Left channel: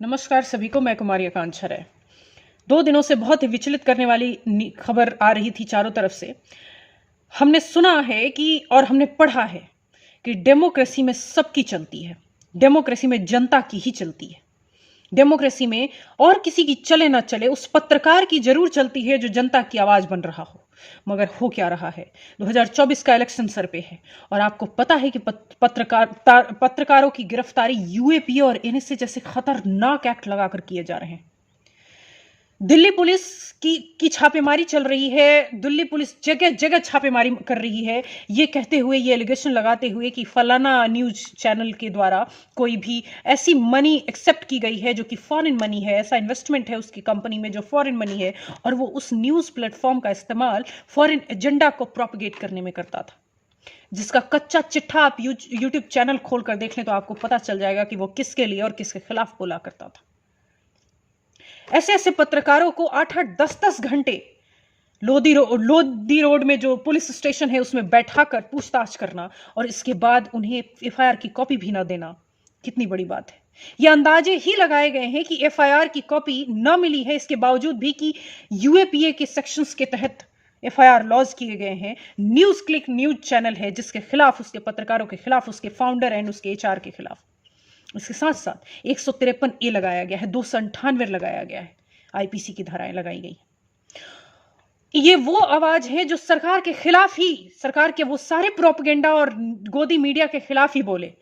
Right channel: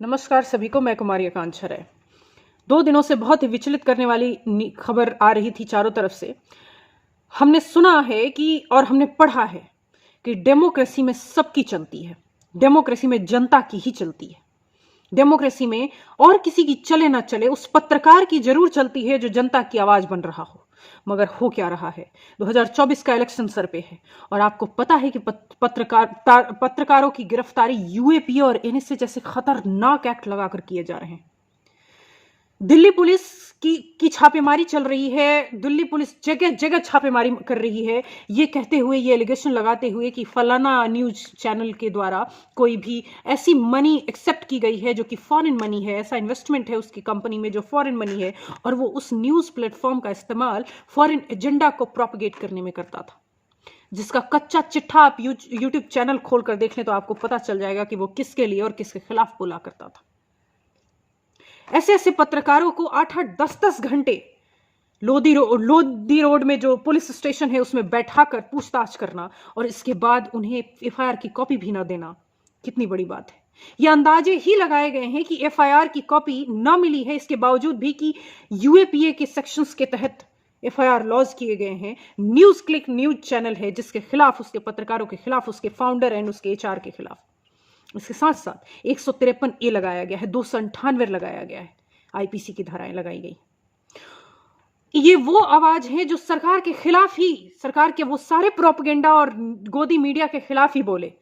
नमस्कार सभी को। मैं कुमारी आकांक्षा राय। 2 दिनों से बहुत ही विचलित करने वाली खबर आ रही थी चारों तरफ से। हमने सुना है कि और हमने पढ़ा है कि डेमोक्रेसी में सबकी चलती है, डेमोक्रेसी में जनता की ही चलती है, डेमोक्रेसी में और किसी की चले ना चले उस पत्रकार की जरूर चलती है जो जनता की आवाज बन रहा हो। मगर हो क्या रहा है, 2024 का इलेक्शन सर पे है और आपको पता है कि पत्रकारों की गिरफ्तारी यूएपीए और एनएसए जैसे खतरनाक एक्ट लगाकर किए जा रहे हैं। दिल्ली पुलिस की छापेमारी चल रही है। दिल्ली पुलिस जगह जगह छापेमारी कर रही है, ये कहते हुए, ये एलिगेशन लगाते हुए कि फलाना न्यूज चैनल के द्वारा कोई भी ऐसी मनी एक्सेप्ट की गई है जो कि फॉरेन मनी है, ऐसा इन्वेस्टमेंट है उसकी कंपनी में जो फॉरेन मनी है, और वो उस न्यूज प्लेटफॉर्म का इस्तेमाल फॉरेन एजेंडा को प्रोपगेट करने में करता था, जिसका कच्चा चिट्ठा आप यूट्यूब चैनल खोलकर देख लें तो आपको पता चल जाएगा कि वो किसके लिए और किसके खिलाफ बोला करता था। ऐसे ऐसे पत्रकारों को 8-8, 10-10 घंटे लोधी रोड में जो पुलिस स्टेशन है उसमें बैठाकर पूछताछ करना और इसके बाद उन्हें एफआईआर की कॉपी भी ना देना, कितनी बड़ी बात है। यह अंदाजे ही लगाए गए हैं कि एफआईआर की कॉपी न मिली है, इसके बावजूद भी कि यूएपीए के सेक्शंस के तहत एफआईआर लॉन्च किए गए हैं। न्यूज क्लिक न्यूज चैनल है जिसके खिलाफ, उसके पत्रकारों के खिलाफ, उसके फाउंडर एंड उसके एचआर के खिलाफ। इसके साथ साथ 153A लगाया गया है, 298 लगाया गया है, आईपीसी की धाराएं लगाई गई। ये वो आवाज है जो सरकार के खिलाफ ही, सरकार के वो सारे प्रोपेगेंडा और गोदी मीडिया के खिलाफ ही बोले।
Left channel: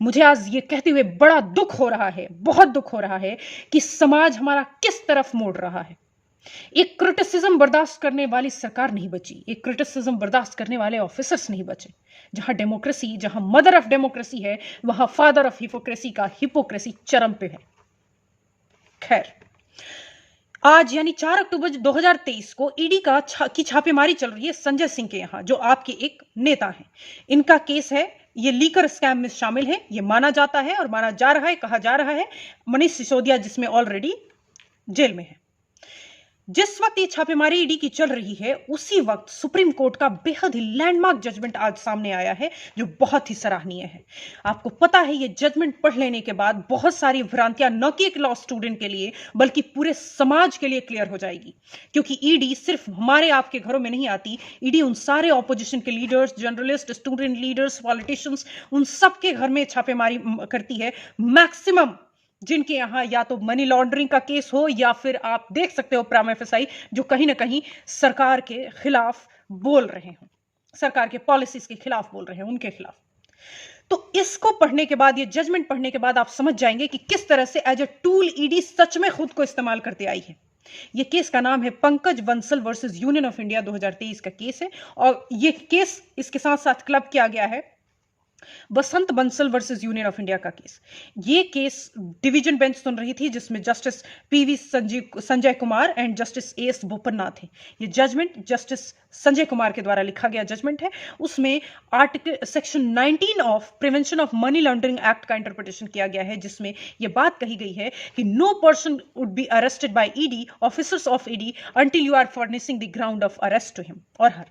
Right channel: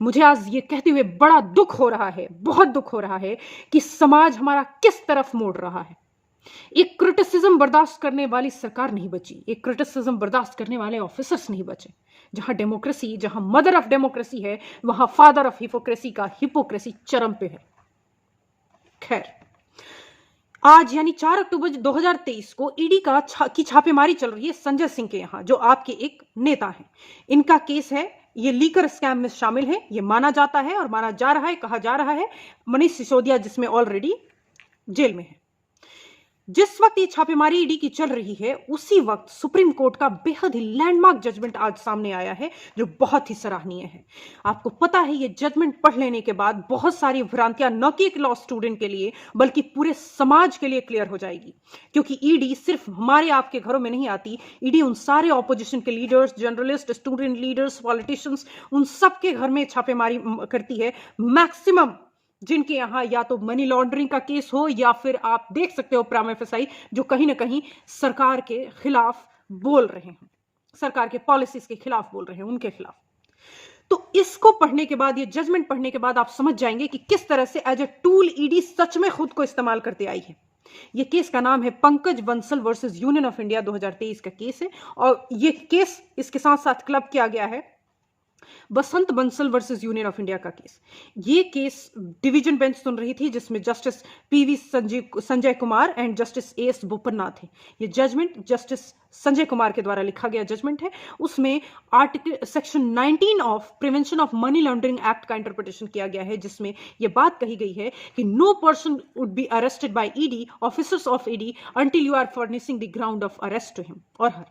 मुझे आज ये कहते हुए बड़ा दुख हो रहा है, बहुत दुख हो रहा है कि समाज हमारा किस तरफ मोड़ रहा है। एक क्रिटिसिज्म बर्दाश्त करने वाली सरकार नहीं बची, एक क्रिटिसिज्म बर्दाश्त करने वाले ऑफिसर्स नहीं बचे। जहां डेमोक्रेसी, जहां मदर ऑफ डेमोक्रेसी है, वहां फादर ऑफ हिपोक्रेसी का हिपोक्रेसी चरम पे है। खैर, आज यानी 4 अक्टूबर 2023 को ईडी की छापेमारी चल रही है संजय सिंह के यहां, जो आपके एक नेता हैं। इनका केस है, ये लीकर स्कैम में शामिल है, ये माना जाता है और माना जा रहा है, कहा जा रहा है। मनीष सिसोदिया जिसमें ऑलरेडी जेल में है। जिस वक्त ये छापेमारी ईडी की चल रही है, उसी वक्त सुप्रीम कोर्ट का बेहद ही लैंडमार्क जजमेंट आज सामने आया है, जो बहुत ही सराहनीय है। आपको पता है, ये जजमेंट पढ़ लेने के बाद बहुत सारी भ्रांतियां न कि एक लॉ स्टूडेंट के लिए बल्कि पूरे समाज के लिए क्लियर हो जाएगी। क्योंकि ईडी सिर्फ हमारे आपके घरों में नहीं आती, ईडी उन सारे ऑपोजिशन के leaders, journalist, student leaders, politicians, उन सबके घर में छापेमारी करती है। मैक्सिमम जिनके यहां या तो मनी लॉन्ड्रिंग का केस हो या फिर आप देख सकते हो प्राइम एफएसआई, जो कहीं ना कहीं सरकार के खिलाफ बोल रहे हैं, सरकार के पॉलिसीज के खिलाफ बोल रहे हैं, उनके खिलाफ। तो इसको पढ़ने के बाद, ये जजमेंट पढ़ने के बाद आप समझ जाएंगे कि किस तरह से एज ए टूल ईडी सच में खुद को इस्तेमाल करते आई है। ये केस का नाम है Pankaj Bansal versus union of India, 2023 का केस है। और ये केस इसके साथ साथ क्लब किया गया है Basant Bansal versus union of India का केस। ये केस डिवीजन बेंच सुन रही थी, जिसमें justice PV Sanjay Kumar and justice AS Bopanna थे। ये जजमेंट जस्टिस संजय कुमार के द्वारा लिखा गया जजमेंट है। उसमें article section 19 of prevention of money laundering act का इंटरप्रिटेशन किया गया है, जिसमें यह बात कही गई है कि no person would be arrested by ED, officers of ED, until you are furnishing the ground of arrest to him or her।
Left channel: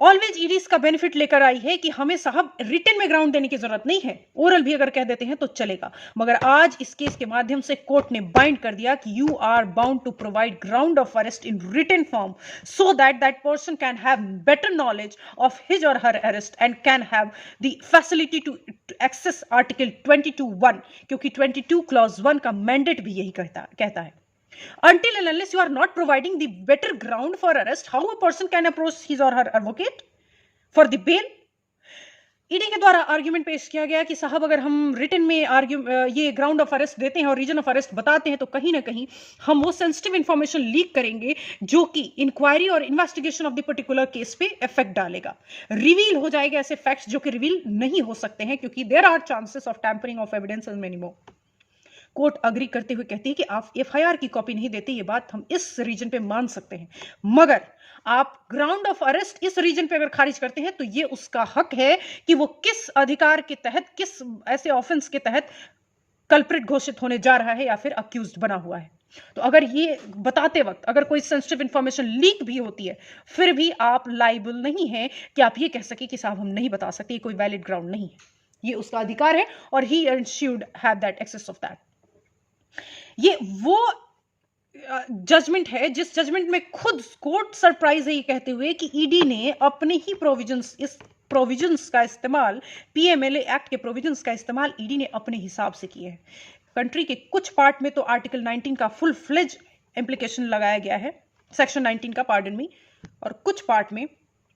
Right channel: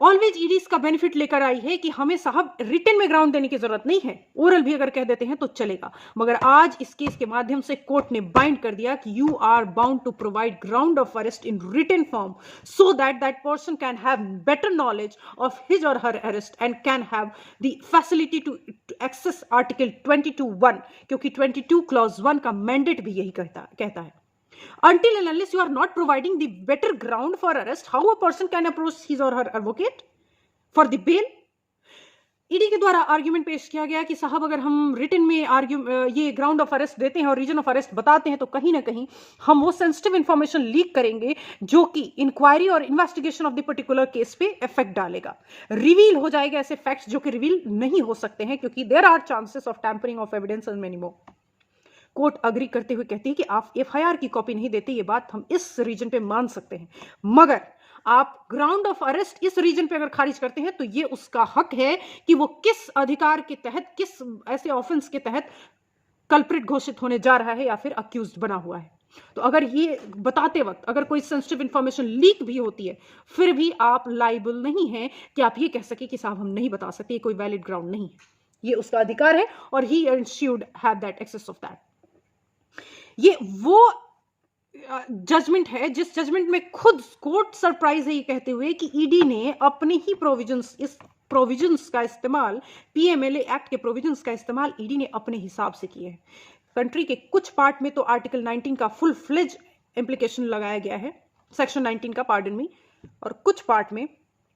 Always ED इसका बेनिफिट लेकर आई है कि हमें साहब रिटन में ग्राउंड देने की जरूरत नहीं है, ओरल भी अगर कह देते हैं तो चलेगा। मगर आज इस केस के माध्यम से कोर्ट ने बाइंड कर दिया कि you are bound to provide ground of arrest in written form, so that that person can have better knowledge of his और her arrest and can have the facility to access article 22(1), क्योंकि 22 clause 1 का mandate भी यही कहता है। Until and unless you are not providing the better ground for arrest, how a person can approach his or her advocate for the bail? ED के द्वारा argument पेश किया गया कि साहब अगर हम रिटन में ये ग्राउंड ऑफ अरेस्ट देते हैं और रीजन ऑफ अरेस्ट बताते हैं तो कहीं ना कहीं हम वो सेंसिटिव इंफॉर्मेशन लीक करेंगे जो कि इंक्वायरी और investigation of the particular case पे इफेक्ट डालेगा। रिवील हो जाएगा ऐसे फैक्ट्स जो कि रिवील नहीं हो सकते हैं, क्योंकि there are chances of tampering of evidence and many more. Court agree करते हुए कहती है कि आप एफआईआर की कॉपी नहीं देते, ये बात हम इस रीजन पे मान सकते हैं, मगर आप ग्राउंड ऑफ अरेस्ट इस रीजन पे अगर खारिज करते हैं तो ये उसका हक है कि वो किस अधिकार के तहत, किस ऐसे ऑफेंस के तहत कल्प्रिट घोषित होने जा रहा है या फिर अक्यूज्ड बना हुआ है। तो अगर ये बताते वक्त अगर कोई सेंसिटिव इंफॉर्मेशन लीक भी होती है, फिर भी आप लाइबल नहीं है कि आप ये कह सके कि साहब हम नहीं बता सकते, ये कोई वैलिड ग्राउंड नहीं है। ये उसका अधिकार है और ही and she would have that access of that. ये वो जजमेंट है जिस जजमेंट में खुद कोर्ट सरप्राइज है ये कहते हुए कि ईडी ने अपने ही प्रोविजंस का इस्तेमाल, पीएमएलए एक्ट के प्रोविजंस का इस्तेमाल ईडी ने अपने हिसाब से किए हैं। कंट्री के कुछ पार्ट में तो आर्टिकल 19 का फुल फ्लेज इम्प्लीकेशन लगाया गया है, सेक्शन 19 का, पार्डन मी, और कुछ पार्ट में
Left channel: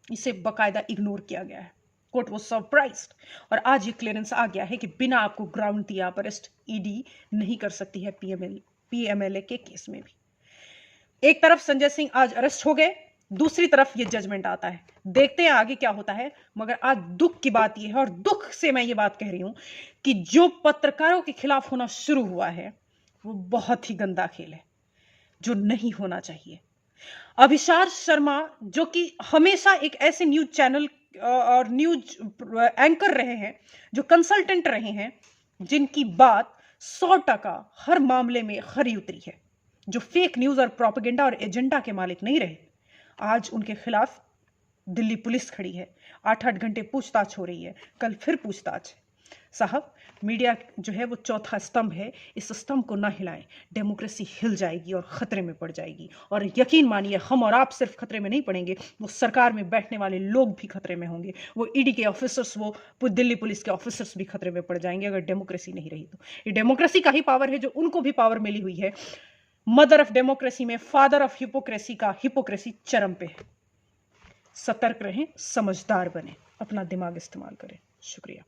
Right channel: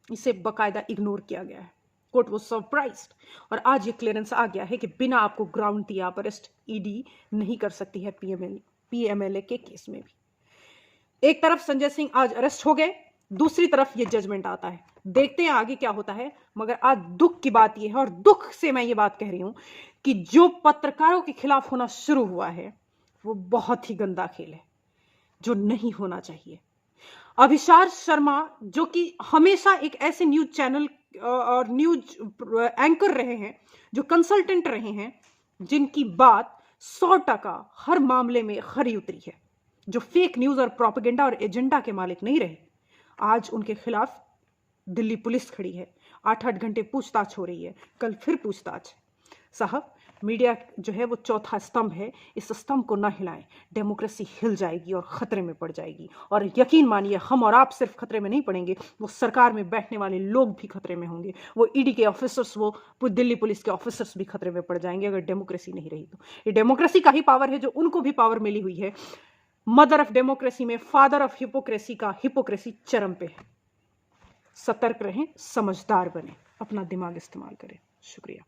इसे बकायदा इग्नोर किया गया है। कोर्ट वाज सरप्राइज्ड और आज ये क्लियरेंस आ गया है कि बिना आपको ग्राउंड दिए आप अरेस्ट ईडी नहीं कर सकती है पीएमएलए के केस में भी। एक तरफ संजय सिंह आज अरेस्ट हो गए, दूसरी तरफ ये जजमेंट आता है। देखते हैं आगे क्या होता है। मगर आज दुख की बात यह है, और दुख से मैं ये बात कह रही हूं, कि जो पत्रकारों के खिलाफ होना शुरू हुआ है वो बहुत ही गंदा खेल है जो नहीं होना चाहिए। अभिसार शर्मा, जो कि हमेशा एक ऐसे न्यूज चैनल और न्यूज एंकर रहे हैं, जो कंसल्टेंट रहे हैं, जिनकी बात 100% हर मामले में खरी उतरी है, जो फेक न्यूज और प्रोपेगेंडा और एजेंडा के मालिक नहीं रहे, आज उनके खिलाफ दिल्ली पुलिस खड़ी है। 8-8 घंटे पूछताछ हो रही है, कल फिर पूछताछ। साहब, मीडिया जो है वो चौथा स्तंभ है, इस स्तंभ को ना हिलाएं, डेमोक्रेसी हिल जाएगी और खतरे में पड़ जाएगी। और यकीन मानिए, हम और आप सिर्फ खतरे में नहीं पड़ेंगे, वो सरकार में बैठने वाले लोग भी खतरे में होंगे, वो ईडी के ऑफिसर्स, वो दिल्ली पुलिस के ऑफिसर्स भी खतरे में पड़ जाएंगे अगर डेमोक्रेसी नहीं रही तो। ये डेमोक्रेसी का ही पावर है जो उनको भी पावर मिली हुई है। मदर ऑफ डेमोक्रेसी में फादर ऑफ हिपोक्रेसी का हिपोक्रेसी चरम पे है। सतर्क रहें, समझदार बने, अपना दिमाग इस्तेमाल करें। शुक्रिया।